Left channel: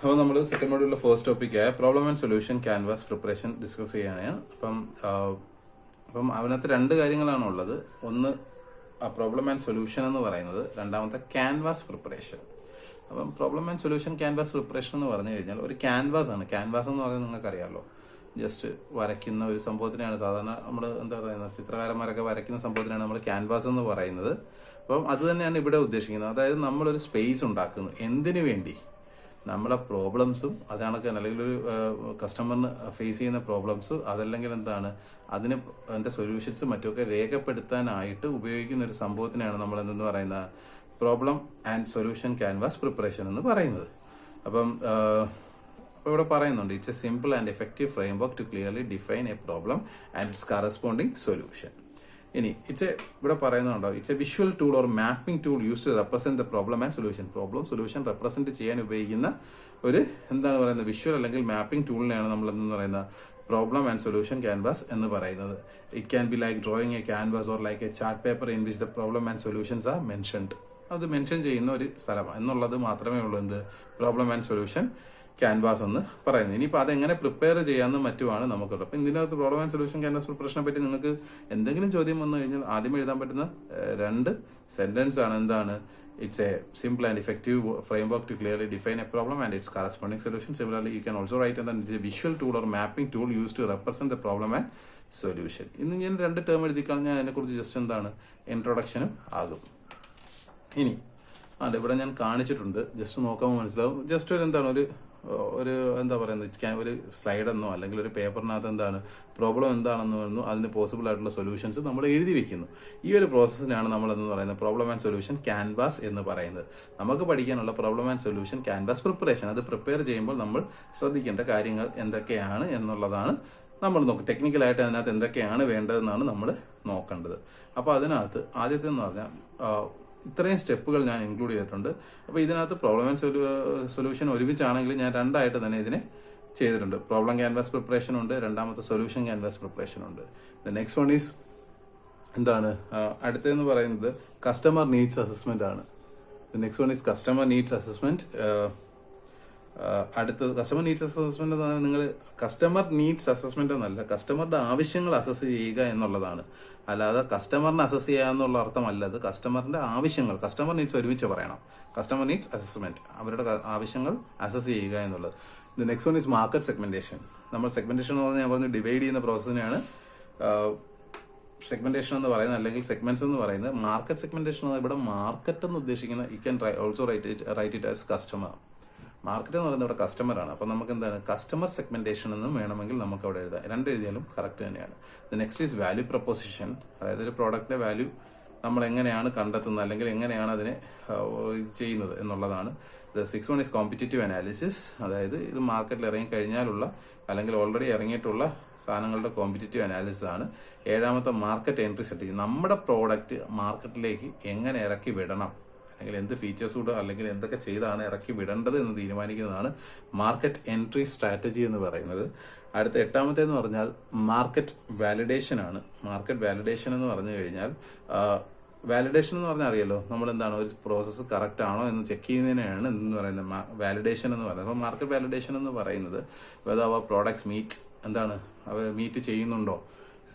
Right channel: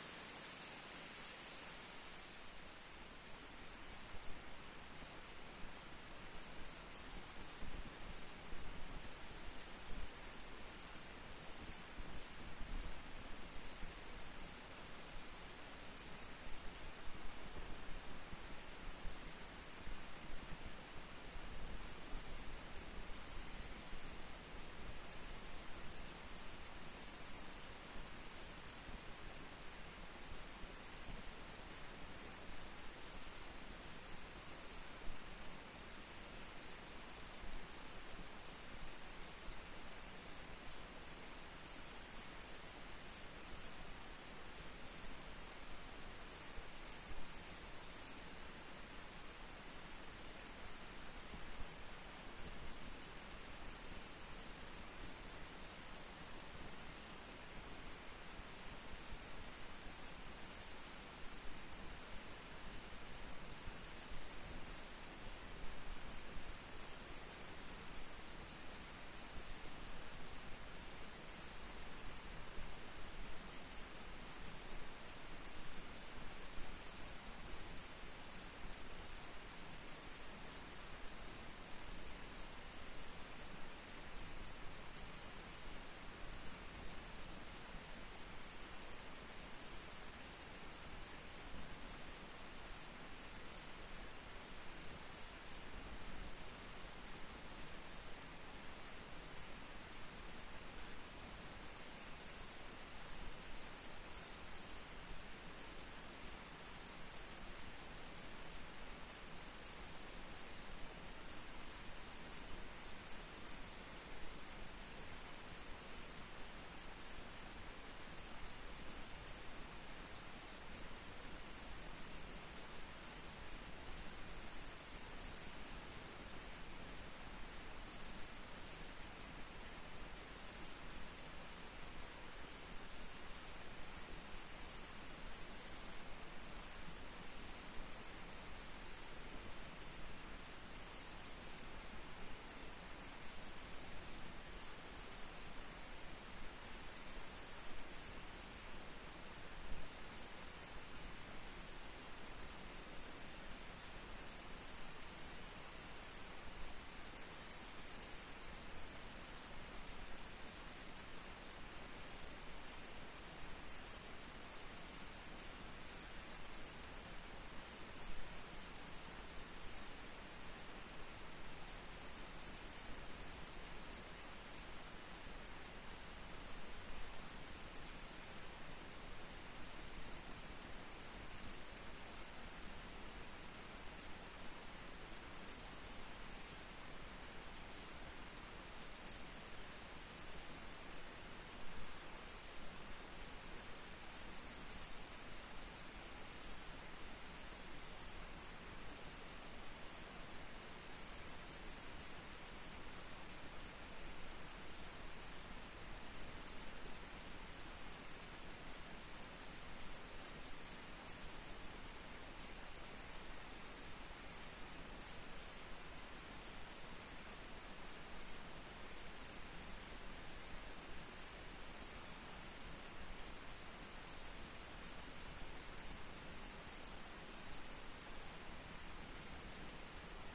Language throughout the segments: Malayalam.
അപ്പോൾ നമ്മൾ സെക്കൻഡ് മോഡ്യൂളിലെ ഫസ്റ്റ് ടോപ്പിക്കായ problem and solution canvas preparation discuss ചെയ്യാനാണ്. അപ്പം അതിനകത്ത് രണ്ട് കാര്യങ്ങളാണ് ഉള്ളത്. ഒന്ന് പ്രോബ്ലം ആൻഡ് സൊല്യൂഷൻ എന്ന് പറയുന്നത്, രണ്ടാമത്തെ ക്യാൻവാസ് പ്രിപ്പറേഷൻ. അപ്പം problem and solution canvas preparation എന്ന് പറഞ്ഞു കഴിഞ്ഞാൽ ഒരു ക്യാൻവാസ് ആണ്. ക്യാൻവാസ് എന്ന് പറയുന്നത് നിങ്ങൾക്കറിയാമല്ലോ, ജസ്റ്റ് വരയ്ക്കുന്ന ഒരു സംഭവത്തിനാണ് സാധാരണ നമ്മൾ എന്താ പറയുന്നത്, ചിത്രകാരന്മാരൊക്കെ വരയ്ക്കുന്ന സംഭവത്തിനാണ് നമ്മൾ ക്യാൻവാസ് എന്ന് പറയുന്നത്. അപ്പം അത് തന്നെയാണ് ഇവിടെ ഉദ്ദേശിക്കുന്നത്. അതായത് നമ്മളൊരു സ്പേസ് ഉണ്ടാക്കുന്നു. എന്തിനു വേണ്ടി? നമ്മളെ പ്രോബ്ലംസും അതാണ്, അല്ലെങ്കിൽ ഒരു കസ്റ്റമറിന് ഫേസ് ചെയ്യുന്ന പ്രോബ്ലംസ്, അതല്ലെങ്കിൽ എന്താണ് അതിൻ്റെ സൊല്യൂഷൻസും മറ്റുമൊക്കെ രേഖപ്പെടുത്താനായിട്ട് ഉപയോഗിക്കുന്ന ഒരു സംഭവത്തിനാണ് നമ്മൾ എന്തെന്ന് പറയുന്ന problem and solution canvas preparation എന്ന് പറയുന്നത്. അപ്പം ഇവിടെ പറയുന്നുണ്ട്, it's a simple and effective framework to clearly define a problem and its corresponding solution. ഇനി ഇവിടെ പറയുന്നുണ്ടോ, it's a visual tool or mapping tool use to represent the problem and solution. Problem solution represent ചെയ്യാൻ ഉപയോഗിക്കുന്ന ഒരു എന്താണ് പറയുന്നത്, വിഷ്വൽ അല്ലെങ്കിൽ മാപ്പിംഗ് ടൂളിനെയാണ് നമ്മൾ എന്ന് പറയുന്ന പ്രോബ്ലം ആൻഡ് സൊല്യൂഷൻ ക്യാൻവാസ് എന്ന് പറയുന്നത്. It can be like drawing A canvas or like A chart paper in which the problem and solutions R mentioned. അത് മെൻഷൻ ചെയ്യുന്ന ഒരു സ്ഥലം എന്നുള്ളത് മാത്രമേ ഉള്ളൂ എന്ത് പ്രോബ്ലം ആൻഡ് സൊല്യൂഷൻ ക്യാൻവാസ് എന്ന് പറയുന്നത്. ഇനിയിപ്പോൾ അതെങ്ങനെ പ്രിപ്പയർ ചെയ്യാമെന്ന് മറ്റുമാണ് നമുക്കുള്ളത്. അപ്പം ഇതിനകത്ത് പ്രോബ്ലം ആൻഡ് സൊല്യൂഷൻ ക്യാൻവാസ് പ്രിപ്പറേഷനെ പറ്റി നിങ്ങൾക്ക് എന്തെങ്കിലും ചോദ്യം വന്നു കഴിഞ്ഞാൽ ആദ്യം എഴുതാൻ പറ്റുന്ന രണ്ട് സെന്റൻസ് ആണ്. എന്താണ്? It's a simple and effective framework to clearly define a problem and its corresponding solution. Similarly you can also write the visual tool or mapping tool use to represent the problem and solution. ഇന്ന് ഞാൻ രണ്ട് ടേം എഴുതിക്കളഞ്ഞാൽ അതിനെക്കുറിച്ച് ജസ്റ്റ് എന്താണ് ഇൻട്രൊഡക്ഷനും ആകും. ഇനി ഇവിടെ ഞാൻ കാണിച്ചിട്ടുണ്ട്, ജസ്റ്റ് നോക്കുമ്പോൾ മനസ്സിലാവും. ജസ്റ്റ് ഒരു എന്താണ് ഒരു എന്താ പറയുന്നത്, ഒരു സ്ലൈഡെന്നോ അല്ലെങ്കിൽ ഒരു പേപ്പറിനകത്ത് എന്താണ് പ്രോബ്ലം എന്താണെന്ന് പറഞ്ഞു അതിന് പോസിബിൾ ആയിട്ടുള്ള സൊല്യൂഷൻസ് നമ്മൾ എഴുതി വെക്കുന്നു. ഈ ഒരു പ്രോസസ്സിനാണ് നമ്മൾ എന്ന് പറയുന്നത് പ്രോബ്ലം ആൻഡ് സൊല്യൂഷൻ ക്യാൻവാസ് എന്ന് പറയുന്നത്. നമുക്ക് പഠിക്കാനുള്ള problem and solution canvas preparation. അത് പ്രിപ്പയർ ചെയ്യുമ്പോൾ നമ്മൾ ശ്രദ്ധിക്കേണ്ട കാര്യങ്ങൾ എന്തൊക്കെയാണ് എന്നുള്ളതാണ് നമ്മൾ നോക്കുക. ടെക്നിക്കലായിട്ട് അതിനകത്ത് എന്തൊക്കെയാണ് വേണ്ടതെന്നാണ് നമ്മൾ നോക്കേണ്ടത്. അപ്പോൾ അതിനകത്ത് ആദ്യത്തെ എന്ന് പറഞ്ഞാൽ ഇത്രയും സ്റ്റെപ്പുകൾ ഞാൻ ഇൻക്ലൂഡ് ചെയ്തിട്ടുണ്ട്. അപ്പോൾ ഇതിനകത്ത് പ്രോബ്ലം ആൻഡ് സൊല്യൂഷൻ ഒരുമിച്ചാണെങ്കിൽ ഞാൻ രണ്ടായിട്ട് തന്നെ ഇതിനെ ചെയ്തിട്ടുണ്ട്. പ്രോബ്ലം ക്യാൻവാസ് പ്രിപ്പറേഷൻ ഉണ്ട്, രണ്ടാമത്തെ സൊല്യൂഷൻ ക്യാൻവാസ് പ്രിപ്പറേഷൻ ഉണ്ട്. ദ നെക്സ്റ്റ് വൺ ഈസ് എന്താണ്, അടുത്തതെന്ന് പറയുന്നത് കസ്റ്റമർ നീഡ്സ് അസസ്മെന്റ് ആണ്. The next one is customer needs assessment. അടുത്തത് കസ്റ്റമർ നീഡ്സ് അസസ്മെന്റ് എന്ന് പറഞ്ഞാൽ നിങ്ങൾ കസ്റ്റമർ നീഡ്സ് അസസ്മെന്റ് എന്നല്ല, കസ്റ്റമറുടെ ആവശ്യങ്ങൾ അസസ് ചെയ്യുക എന്നുള്ളതാണ്. അല്ലാതെ കസ്റ്റമറിനെ അസസ് ചെയ്യുക എന്നുള്ള അർത്ഥമല്ല. അത് കസ്റ്റമറിന്റെ ആവശ്യങ്ങൾ, കസ്റ്റമർ നീഡ്സ് ഒരുമിച്ച് പറയണം. കസ്റ്റമർ നീഡ്സ് അസസ്മെന്റ്, അവരുടെ ആവശ്യങ്ങൾ അസസ് ചെയ്യുക എന്നുള്ളത്. The next one is market segmentation. നമ്മൾ സെഗ്മെന്റേഷൻ എന്ന് പറഞ്ഞാൽ ഞാൻ പറഞ്ഞു ഡിവൈഡ് ചെയ്യുന്ന പ്രോസസ്സിനെയാണ് സെഗ്മെന്റേഷൻ എന്ന് പറയുന്നത്, അല്ലെങ്കിൽ സെഗ്മെന്റ്സ് എന്ന് പറയുന്നത്. മാർക്കറ്റ് സെഗ്മെന്റേഷൻ ഇവിടെ മാർക്കറ്റ് എന്ന് ഉദ്ദേശിക്കുന്ന you can also write it as customer. Market എന്ന് പറയുന്നത് ഇവിടെ കസ്റ്റമർ ആണ്. അപ്പൊ നമുക്ക് എന്താണ് കസ്റ്റമർ സെഗ്മെന്റേഷൻ എന്നും വേണമെങ്കിൽ നമുക്ക് അവിടെ എഴുതാം. രണ്ടെഴുതിയാലും കറക്റ്റ് തന്നെയാണ്. The next is value proposition. അതായത് ഒരു പ്രോഡക്റ്റിന്റെ വാല്യൂ നമ്മൾ എങ്ങനെയാണ് കണ്ടെത്തുന്നത് അല്ലെങ്കിൽ എങ്ങനെയാണ് അതിനെ ചെയ്യുന്നത് എന്നുള്ളതാണ്. The six one is competitive analysis. അതായത് ഇത് മാർക്കറ്റിൽ ഇറങ്ങിക്കഴിഞ്ഞാലുള്ള അല്ലെങ്കിൽ ഓൾറെഡി ഇറങ്ങിയിട്ടുള്ള സാധനങ്ങളുടെ കോമ്പറ്റീറ്റീവ് അനാലിസിസ് ആണ്. ഏഴാമത്തെ മാർക്കറ്റ് എൻട്രി സ്ട്രാറ്റജി. നമ്മുടെ പ്രോഡക്റ്റ് മാർക്കറ്റിലേക്ക് എങ്ങനെ ഇറക്കി വിടണം, അല്ലെങ്കിൽ എന്ത് ഫീച്ചേഴ്സ് കൂടെ അല്ലെങ്കിൽ എന്തൊക്കെ ചെയ്താണ് ഇറക്കി വിടേണ്ടത് എന്ന് തീരുമാനിക്കുന്നതാണ് മാർക്കറ്റ് എൻട്രി സ്ട്രാറ്റജി എന്ന് പറയുന്നത്. അടുത്ത എട്ടാമത്തേന്ന് പറഞ്ഞാൽ മാർക്കറ്റ് വാലിഡേഷൻ ആണ്. മാർക്കറ്റ് വാലിഡേഷൻ എന്ന് പറഞ്ഞു കഴിഞ്ഞാൽ വാലിഡേഷൻ എന്ന് പറഞ്ഞാൽ അറിയാലോ, നമ്മൾ എന്താണ് ഒരു പ്രോസസ്സ് കറക്റ്റ് ആണോ എന്ന് ചെക്ക് ചെയ്യുന്നതിനാണ് എന്ന് പറയുന്നത് വാലിഡേഷൻ എന്ന് പറയുന്നത്. അപ്പോൾ മാർക്കറ്റ് വാലിഡേഷൻ എന്ന് പറയുന്നത് വെദർ അവർ പ്രോഡക്ട്സ് മീറ്റ് എന്താണ് അവർ മീറ്റ് ചെയ്യുന്നുണ്ടോ,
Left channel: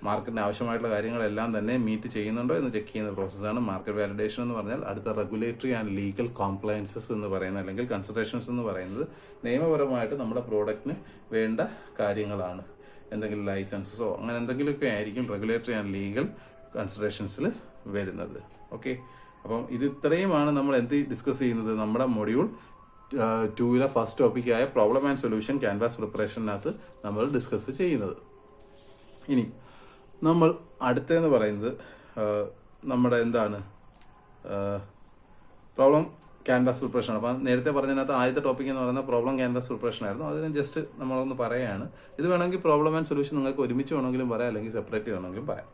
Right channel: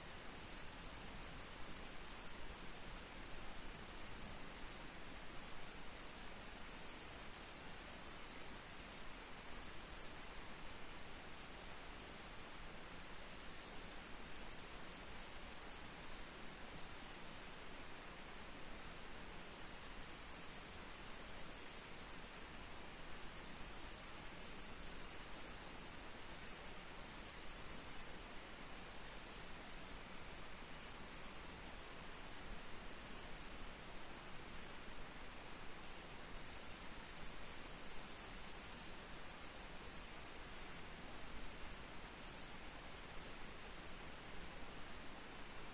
മാർക്കറ്റിന് ആവശ്യമായിട്ടുള്ള കാര്യങ്ങളെല്ലാം തന്നെ മീറ്റ് ചെയ്യുന്നുണ്ടോ എന്ന് ചെക്ക് ചെയ്യുന്ന പ്രോസസ്സാണ് മാർക്കറ്റ് വാലിഡേഷൻ എന്ന് പറഞ്ഞാൽ. അടുത്ത റെഗുലേറ്ററി ആൻഡ് ലീഗൽ കോംപ്ലയൻസസ് എന്ന് പറയുന്നത് അല്ലെങ്കിൽ കൺസിഡറേഷൻസ് എന്ന് പറയുന്നത് നിയമപരമായിട്ട് നമ്മുടെ പ്രോഡക്റ്റിന് വേണ്ട കാര്യങ്ങളാണ്. എന്തെങ്കിലും ലൈസൻസസോ അങ്ങനെ എന്തെങ്കിലുമൊക്കെ ആയിരിക്കും റെഗുലേറ്ററി ആൻഡ് ലീഗൽ കൺസിഡറേഷൻസിൽ വരുന്നത്. ഓക്കെ, അപ്പം ഇത് ഇത്രയുമാണ് നമ്മൾ എന്ത് ഡിസ്കസ് ചെയ്യുന്നത് നമ്മുടെ മൊഡ്യൂൾ 2 ഫസ്റ്റ് ടോപ്പിക്കായ പ്രോബ്ലം ആൻഡ് സൊല്യൂഷൻ ക്യാൻവാസ് പ്രിപ്പറേഷനകത്ത് നമ്മൾ ഡിസ്കസ് ചെയ്യുന്നത്. ഇനി നമ്മൾ അടുത്തതെന്ന് പറയുന്നത് നമ്മുടെ എന്താണ് പ്രോബ്ലം ക്യാൻവാസ് പ്രിപ്പറേഷൻ. അപ്പം നേരത്തെ പറഞ്ഞതിനകത്ത് ആദ്യത്തെ ടോപ്പിക് എന്ന് പറയുന്നത് പ്രോബ്ലം ക്യാൻവാസ് പ്രിപ്പറേഷൻ ആയിരുന്നു. അതിന് ജസ്റ്റ് നമ്മളൊന്ന് പറയുകയാണ്. ഇത് വേണമെങ്കിൽ പ്രോബ്ലം ആൻഡ് സൊല്യൂഷൻ നിങ്ങൾക്ക് ഒരുമിച്ച് വേണമെങ്കിലും പറയാം, അല്ലെങ്കിൽ സെപ്പറേറ്റ് വേണമെങ്കിലും പറയാം.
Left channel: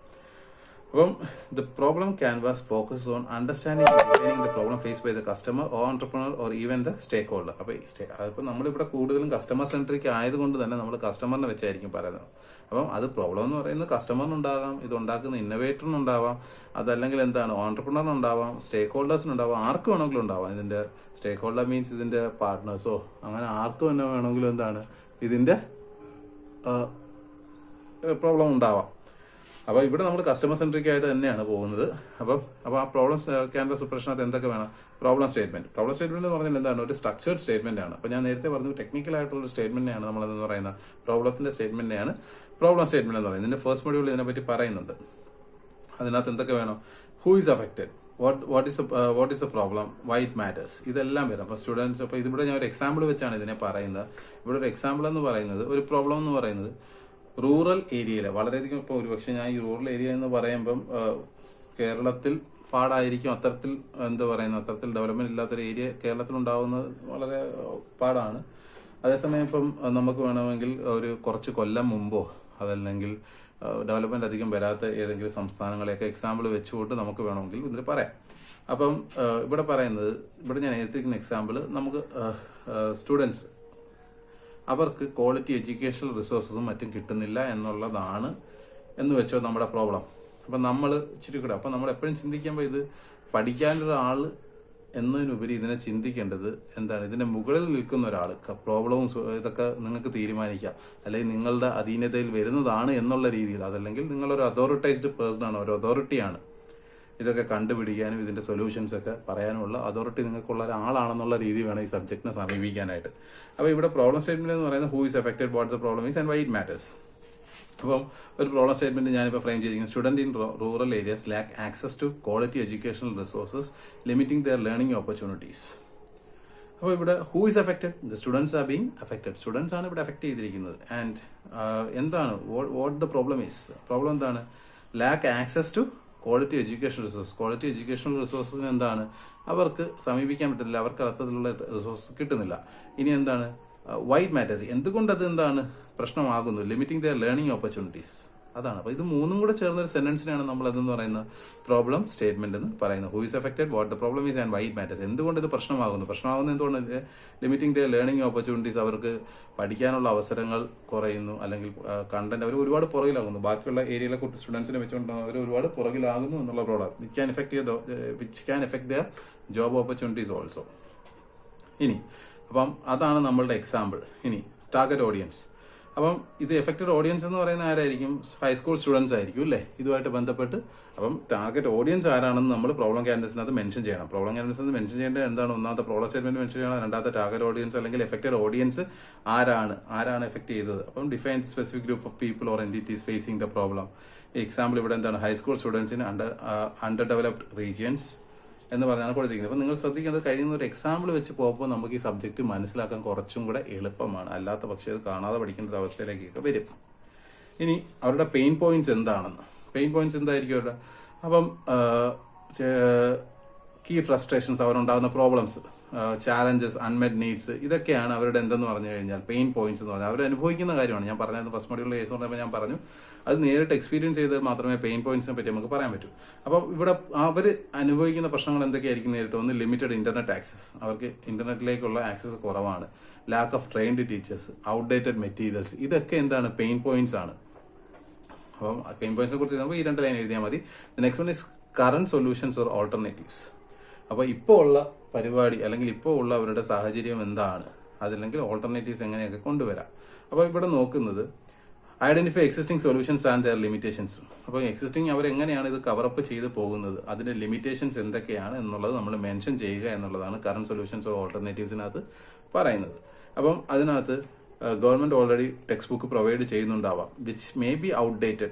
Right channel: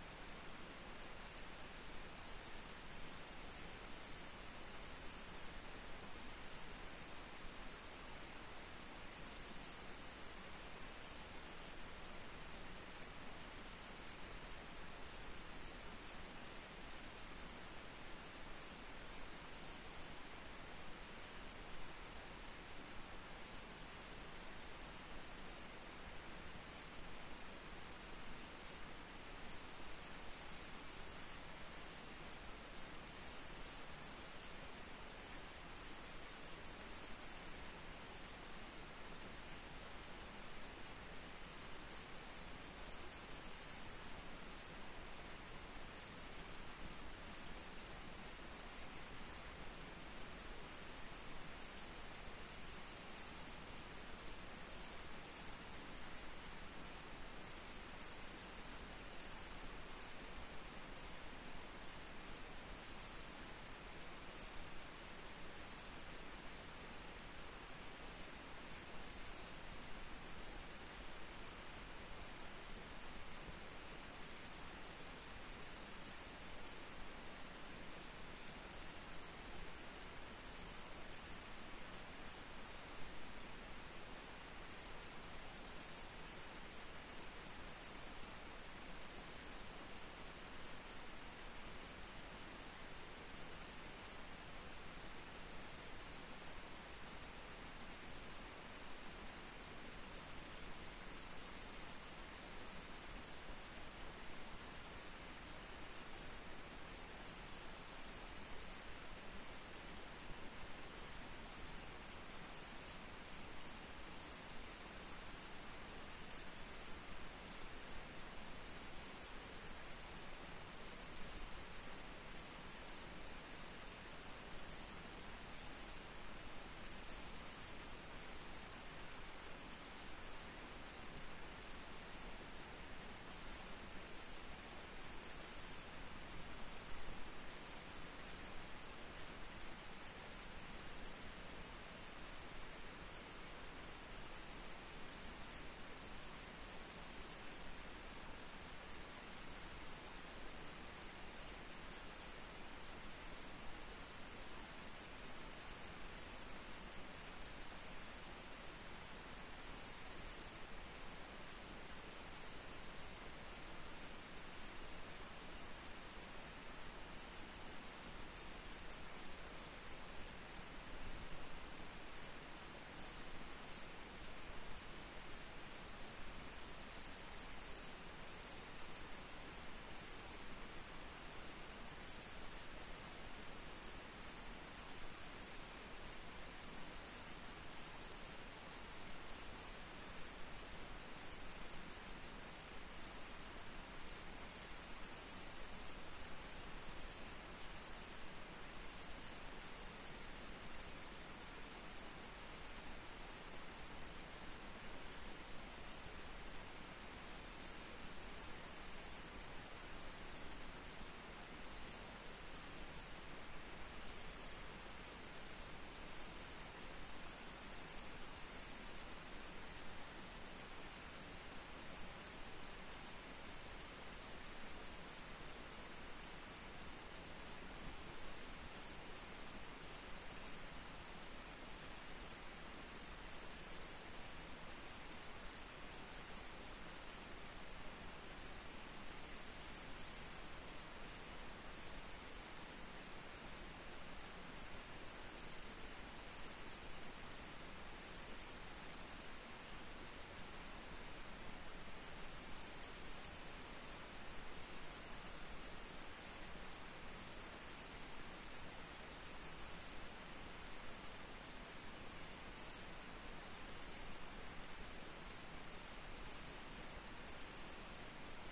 അപ്പം the problem canvas focus on understanding the problem face by the customer or entrepreneur or even the stakeholder. അപ്പോൾ നമ്മളിവിടെ കൂടുതലും കസ്റ്റമർ സെൻട്രിക് ആയതുകൊണ്ട് തന്നെ നമ്മൾ കസ്റ്റമറിനെ വെച്ചായിരിക്കും പറയുന്നത്. അപ്പം അത് പ്രോബ്ലം എന്ന് പറയുന്നത് കസ്റ്റമറിനുണ്ടാകാം, ഇത് ഉണ്ടാക്കുന്ന ഇന്നോവേറ്ററിനുണ്ടാവാം, അതല്ലെങ്കിൽ എന്താണ് ഓൺടർപ്രണറിനുണ്ടാവാം, സ്റ്റേക്ക് ഹോൾഡേഴ്സിനുണ്ടാവാം, ആർക്ക് വേണമെങ്കിലും ഉണ്ടാവാം ഇതിന്റെ സ്റ്റേക്ക് ഹോൾഡർ മീൻസ് ഇതിന്റെ പാർട്ട്നേഴ്സോ അങ്ങനെ ആർക്കും തന്നെ വേണമെങ്കിലും എന്താണ് ഇതിന്റെ പ്രോബ്ലം ഉണ്ടാവാം. അപ്പോൾ ഇവിടെ നമ്മൾ കസ്റ്റമർ സെൻട്രിക് ആയിട്ട് തന്നെയാണ് പോകുന്നത്. അപ്പോൾ ആ പ്രോബ്ലം ക്യാൻവാസ് പ്രിപ്പറേഷനകത്ത് എന്തൊക്കെ വേണം? പ്രോബ്ലം സ്റ്റേറ്റ്മെന്റ് എന്ന് പറഞ്ഞാൽ എന്താണ്? ഒരു സ്ട്രക്ചേർഡ് സ്റ്റേറ്റ്മെന്റ് ആണ്. അപ്പോൾ ഞാൻ നേരത്തെ പറഞ്ഞു ടെക്നിക്കൽ ആയിട്ടുള്ള സ്റ്റേറ്റ്മെന്റിനെയാണ് നമ്മളെന്ന് പറയുന്ന പ്രോബ്ലത്തിന്റെ സ്റ്റേറ്റ്മെന്റിനെയാണ് പ്രോബ്ലം സ്റ്റേറ്റ്മെന്റ് എന്ന് പറയുന്നത്. ഇതിന്റെ ഫസ്റ്റ് മൊഡ്യൂൾ ഇതിനെപ്പറ്റി പറയുന്നുണ്ട്. അതിനകത്ത് എന്തൊക്കെ വേണം? Who is affected, what is A problem, Y it matters, ഇതെല്ലാം വരും. അപ്പോൾ സ്റ്റുഡൻസ്, അപ്പോൾ ഇതിവിടെ ഞാൻ ഒരു എക്സാമ്പിൾ വെച്ചാണ് ഇതിനെ പറയുന്നത്. ഇവിടെ ഒരു എക്സാമ്പിൾ എന്ന് പറയുന്നത്, ഒരു പ്രോബ്ലം എന്ന് പറയുന്നത് റൂറൽ ഏരിയയിൽ വളരെയധികം, ഇപ്പോൾ ഒരുപക്ഷെ ഞാൻ ഈ റൂറൽ ഏരിയ എന്ന് പറയുമ്പം കേരളത്തിൽ പാടായിരിക്കും, അത്തരത്തിൽ അത്തരത്തിൽ ഡെവലപ്മെന്റ് ഇല്ലാത്തൊരു ഏരിയ കേരളത്തിൽ ഉണ്ടാവുന്നത് വളരെ പാടാണ്. അതേസമയം ഇപ്പം നമുക്ക് വേണമെങ്കിൽ ഒരു കുറച്ച് കൊല്ലം മുമ്പോ അതല്ലെങ്കിൽ ഡെവലപ്മെന്റ് അധികം വരാത്ത ഏതെങ്കിലും സംസ്ഥാനങ്ങളെയൊക്കെ എക്സാമ്പിൾ വെച്ചുകൊണ്ട് നമുക്ക് വേണമെങ്കിൽ ഇതിൽ പറയാം. അപ്പം ഇവിടെ പറയുന്നത്, ഇവിടെ ഞാൻ എടുത്തിരിക്കുന്ന എക്സാമ്പിൾ, നമുക്ക് സ്റ്റുഡൻസ് അവർക്ക് ക്വാളിറ്റി എഡ്യൂക്കേഷണൽ റിസോഴ്സസും മറ്റും കിട്ടുന്നില്ല എന്നുള്ളതാണ് എന്ന് വെച്ചോ നമ്മുടെ പ്രോബ്ലം. അപ്പം നമ്മൾ ഇച്ചിരി കൂടെ, അപ്പം നമ്മൾ എപ്പോഴും ചിന്തിക്കുമ്പോൾ ഇത് പഠിക്കാനൊരാൾ എന്നതിനുപരി ഇതിനെ ചിന്തിക്കേണ്ടത് എന്താണ്? ഇതിന്റെ മുകളിൽ നിൽക്കുന്ന ഒരാൾ, പ്രോബ്ലവും ഇതൊക്കെ നിങ്ങൾക്ക് തീരുമാനിക്കാം, അല്ലെങ്കിൽ നിങ്ങളുടെ അധീനതയിൽ വരുന്നതാണ് എന്നുള്ള രീതിയിൽ, അതല്ലെങ്കിൽ നിങ്ങളൊരു അതോറിറ്റൈസ്ഡ് പേഴ്സൺ ആണ്, ഒരു അതോറിറ്റിയാണ് ഇതൊക്കെ കണ്ടുപിടിക്കാനും ഇതിന്റെ സൊല്യൂഷൻസ് ഒക്കെ പറയാനുമുള്ള അതോറിറ്റി നിങ്ങൾക്കുള്ള ഒരാളാണെന്നുള്ള രീതി വേണം ഈ സബ്ജക്റ്റിനെ സമീപിക്കാനായിട്ട്. അപ്പോൾ ഇവിടെ പ്രോബ്ലം സ്റ്റേറ്റ്മെന്റ് എന്ന് പറയുന്നത് who is affected, what the problem is and why it matters. അപ്പം ഒരു പ്രോബ്ലം സ്റ്റേറ്റ്മെന്റ് ഞാനിപ്പോൾ ഫ്രെയിം ചെയ്തിരിക്കുന്നത്, student in rural areas lack access to quality educational resources limiting their learning opportunities. അപ്പോൾ ഇവിടെ who is affected? The students are being affected. Students ആണ് ഇവിടെ എഫക്ട് ചെയ്തിരിക്കുന്നത്. ആൻഡ് എന്താണ് what the problem is? Problem എന്താണ്? Lack access to quality educational resource. Quality educational റിസോഴ്സിന് എന്താണ്? അവർക്ക് സമീപിക്കാൻ പറ്റുന്നില്ല, അവർക്ക് അർത്ഥത്തിലുള്ള റിസോഴ്സ് കിട്ടുന്നില്ല. ഇനി എന്താണ്? വൈറ്റ് മാറ്റേഴ്സ്, എന്തുകൊണ്ട് അത് എന്താണ് പ്രശ്നമാകുന്നു? ലിമിറ്റിംഗ് ദെയർ ലേണിംഗ് ഓപ്പർച്യൂണിറ്റീസ്, അതാണ്. അപ്പോൾ ഇത് മൂന്നും കൂടെ ചേർന്ന ഒരു സെന്റൻസിനാണ് നമ്മൾ അതെന്ന് പറയുന്ന പ്രോബ്ലം സ്റ്റേറ്റ്മെന്റ് എന്ന് പറയുന്നത്. Who is affected, what the problem is and why it matters. എന്തുകൊണ്ട് ഇത് പ്രശ്നമാകുന്നത് എന്തുകൊണ്ട്? ലിമിറ്റിംഗ് ദെയർ ലേണിംഗ് ഓപ്പർച്യൂണിറ്റീസ്, അവർക്ക് പഠിക്കാനുള്ള അവസരങ്ങൾ കുറയുന്നു, അല്ലെങ്കിൽ കണ്ടന്റ് അവർ ഒരുപാട് പുറകിലാകുന്നു, ബാക്കിയുള്ള ഏരിയയിലെ സ്റ്റുഡൻസിനെ വെച്ചുകൊണ്ട് അവർ ഒരുപാട് പുറകിലാകുന്നു എന്നുള്ള problem which can effect there job opportunities also. ഇനി അപ്പം അതാണ് നമ്മളുടെ എക്സാമ്പിൾ. ഇനി ടാർഗറ്റ് ഓഡിയൻസ്. അപ്പം ഇത് എഫക്റ്റഡ് ഓഡിയൻസ് എന്ന് പറയുന്ന ആരായിരിക്കും? ഹൈസ്കൂൾ സ്റ്റുഡൻസ് ആയിരിക്കും അല്ലേ, ഇതുമായിട്ട് ബന്ധപ്പെട്ട്. അപ്പം ടാർഗറ്റ് ഓഡിയൻസ് ആരാണെന്ന് നമ്മൾ പ്രോബ്ലം ക്യാൻവാസിനകത്ത് മെൻഷൻ ചെയ്യണം. പ്രോബ്ലം ക്യാൻവാസിനകത്ത് മെൻഷൻ ചെയ്യേണ്ടത് എന്താണ്? ഒന്നാമത്തെ പ്രോബ്ലം സ്റ്റേറ്റ്മെന്റ് മെൻഷൻ ചെയ്യണം, രണ്ടാമത്തെ ടാർഗറ്റ് ഓഡിയൻസ് അല്ലെങ്കിൽ എഫക്റ്റഡ് ഓഡിയൻസ് ആരാണ് എഫക്ട് ചെയ്തത്. അപ്പം define specific group of people or entities facing the problem. Example ഇവിടെ എന്താണ്? High school students in under developed regions എന്ന് പറഞ്ഞാണ് കൊടുത്തിരിക്കുന്നത്. അപ്പം നിങ്ങൾ ശ്രദ്ധിക്കേണ്ടത്, കഴിയുന്ന ഒരു എക്സാമ്പിൾ വെച്ച് പോകുമ്പോൾ നമുക്ക് ഈ സബ്ജക്ട് മനസ്സിലാക്കാൻ കുറച്ചും കൂടെ എളുപ്പമാണ്. അല്ലാത്ത പക്ഷേ അത് കാണാതെ പഠിക്കേണ്ട ഒരു അവസ്ഥയിലേക്കൊക്കെ വരും. ഇനി അവരുടെ പെയിൻ പോയിന്റ്സ് എന്താണെന്ന്. പെയിൻ പോയിന്റ്സ് എന്തായിരിക്കും അവരുടെ? അപ്പം കീ ഫ്രസ്ട്രേഷൻസ്, അവരുണ്ടാകുന്ന പ്രോബ്ലംസ്, ചാലഞ്ചസ്, അൺമെറ്റ് നീഡ്സ്, ഇതൊക്കെയാണ് അവരുടെ എന്തെന്ന് പറഞ്ഞു കഴിഞ്ഞാൽ പെയിൻ പോയിന്റ്സ് എന്ന് പറഞ്ഞാൽ അവർ അനുഭവിക്കുന്ന കാര്യമാണ്. ഞാൻ പറഞ്ഞത് ഫസ്റ്റ് മൊഡ്യൂളിലെ കേസ് പറഞ്ഞപ്പോൾ ഞാൻ പറഞ്ഞു, അത് നേരിട്ട് എക്സ്പീരിയൻസ് ചെയ്താൽ മാത്രമേ പെയിൻ പോയിന്റ്സിനെ പറ്റി നമുക്ക് പറയാൻ പറ്റൂ. അപ്പം ഇവിടെ അവർ അനുഭവിക്കുന്ന പ്രശ്നങ്ങൾ എന്തൊക്കെയായിരിക്കും നേരിട്ട്? ഒന്ന്, ലിമിറ്റഡ് ഇന്റർനെറ്റ് ആക്സസ്, അവർക്ക് ഇന്റർനെറ്റിലേക്കുള്ള ആക്സസ് കുറവാണ്. Lack of trained teachers, outdated materials, ഇതൊക്കെ എന്താണ്? പെയിൻ പോയിന്റ്സ് ആണ്. അപ്പം പെയിൻ പോയിന്റ്സിനെ കുറിച്ച് ഈ 2 ലൈൻ എഴുതിയാൽ മതി. Next one is current solutions or alternatives. അപ്പോൾ ഇപ്പോൾ ഉള്ള പരിപാടി അല്ലെങ്കിൽ ഇപ്പോൾ ഉള്ള അവരുടെ സാഹചര്യം എന്താണ്, അതല്ലെങ്കിൽ ഓൾട്ടർനേറ്റീവ്സ് എങ്ങനെയൊക്കെ കൊണ്ടുവരാം. അപ്പോൾ ഇവിടെ നോക്കുന്നത് identify existing solutions and their limitations. അപ്പോൾ എക്സിസ്റ്റിംഗ് അവരെങ്ങനെയാണ് ഇത് കവറപ്പ് ചെയ്ത് പോകുന്നത്, അതിന്റെ ലിമിറ്റേഷൻസ് എന്തൊക്കെയാണ് എന്നുള്ളത് നമ്മൾ മെൻഷൻ ചെയ്യുക എന്നുള്ളതാണ് കറന്റ് സൊല്യൂഷൻസ് ഓർ ഓൾട്ടർനേറ്റീവ്സിനകത്ത് പറയുന്നത്. അപ്പം അതിനകത്ത് government already textbook provide ചെയ്യുന്നുണ്ടാവാം, വിച്ച് മേ ബി ഔട്ട്ഡേറ്റഡ്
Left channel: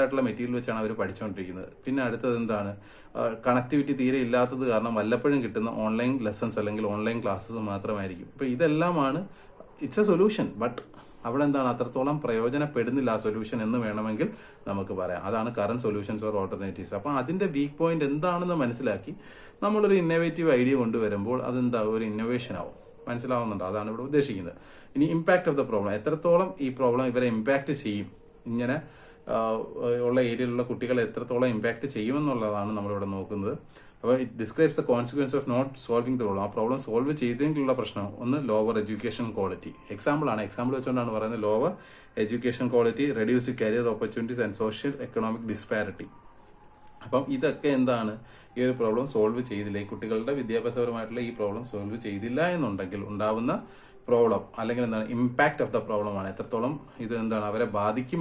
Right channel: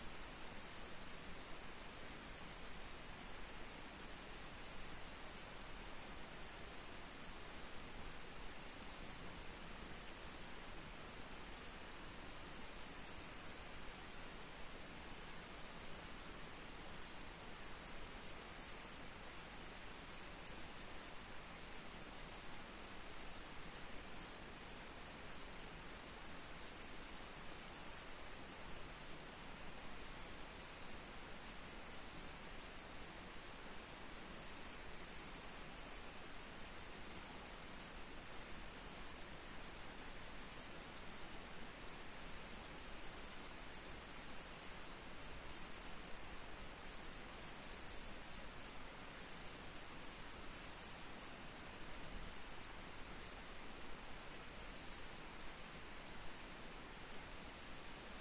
ആയിട്ടുള്ള മെറ്റീരിയൽ വെച്ചാണ് അവർ പഠിച്ചുകൊണ്ടിരിക്കുന്നത്. പിന്നെ അടുത്തത് എന്താണ്? കണക്ടിവിറ്റി തീരെ ഇല്ലാത്തത് കാരണം വല്ലപ്പോഴും കിട്ടുന്ന ഓൺലൈൻ ലെസൺസ് അല്ലെങ്കിൽ ഓൺലൈൻ ക്ലാസ്സസ് മാത്രമായിരിക്കും. ഇപ്പൊ ഇതെല്ലാമാണ് ഇറ്റ്സ് എ സൊല്യൂഷൻ, ബട്ട് അവിടെ എന്താണ്? അത്രത്തോളം പ്രയോജനപ്പെടുന്നില്ല ആ സൊല്യൂഷൻ എന്ന് വേണമെങ്കിൽ നമുക്ക് പറയാം. അതാണ് കറന്റ് സൊല്യൂഷൻസ് ഓർ ഓൾട്ടർനേറ്റീവ്സ്. അപ്പൊ അതിന്റെ വീക്ക് പോയിന്റ് എന്താണെന്ന് മനസ്സിലാക്കി നമ്മളൊരു ഇന്നോവേറ്റീവ് ഐഡിയ കൊണ്ടുവരുമ്പോൾ അതെന്താ? ഒരു ഇന്നോവേഷൻ ആവും. മനസ്സിലാവുന്നുണ്ടോ? അതാണ് ഇവിടെ ഉദ്ദേശിക്കുന്നത്. ഇനി ഇമ്പാക്ട് ഓഫ് ദ പ്രോബ്ലം, എത്രത്തോളം ഈ പ്രോബ്ലം ഇവരെ ഇമ്പാക്ട് ചെയ്യും, ഇങ്ങനെ ഉള്ള ഏരിയയിലുള്ള കുട്ടികളെ എത്രത്തോളം ഇമ്പാക്ട് ചെയ്യുമെന്നുള്ളതാണ് നമ്മളിവിടെ നോക്കുന്നത്. അപ്പോൾ it describes the consequence of not solving the problem. ആ പ്രോബ്ലം സോൾവ് ചെയ്തെങ്കിലുള്ള പ്രശ്നം ഒന്ന്, ലോവർ എഡ്യൂക്കേഷൻ ക്വാളിറ്റി. എക്സാമ്പിൾ വെച്ചുകൊണ്ടാണ് പറയുന്നത്. Lower education quality, reduced career opportunities and social economic disparity. അപ്പം ഇതൊക്കെ എന്താണ്? ഈ ഒരു പ്രോബ്ലം സോൾവ് ചെയ്തില്ല, ഈ കുട്ടികളുടെ വിദ്യാഭ്യാസപരമായിട്ടുള്ള ഈ പ്രോബ്ലം സോൾവ് ചെയ്തില്ല എന്നുണ്ടെങ്കിൽ ഉണ്ടാവുന്ന പ്രോബ്ലം അല്ലെങ്കിൽ എന്താണ് ഇമ്പാക്ട് ഓഫ് ദ പ്രോബ്ലം ആണ്, എത്രത്തോളം ഇത് എന്താണ് അവരെ ബാധിക്കും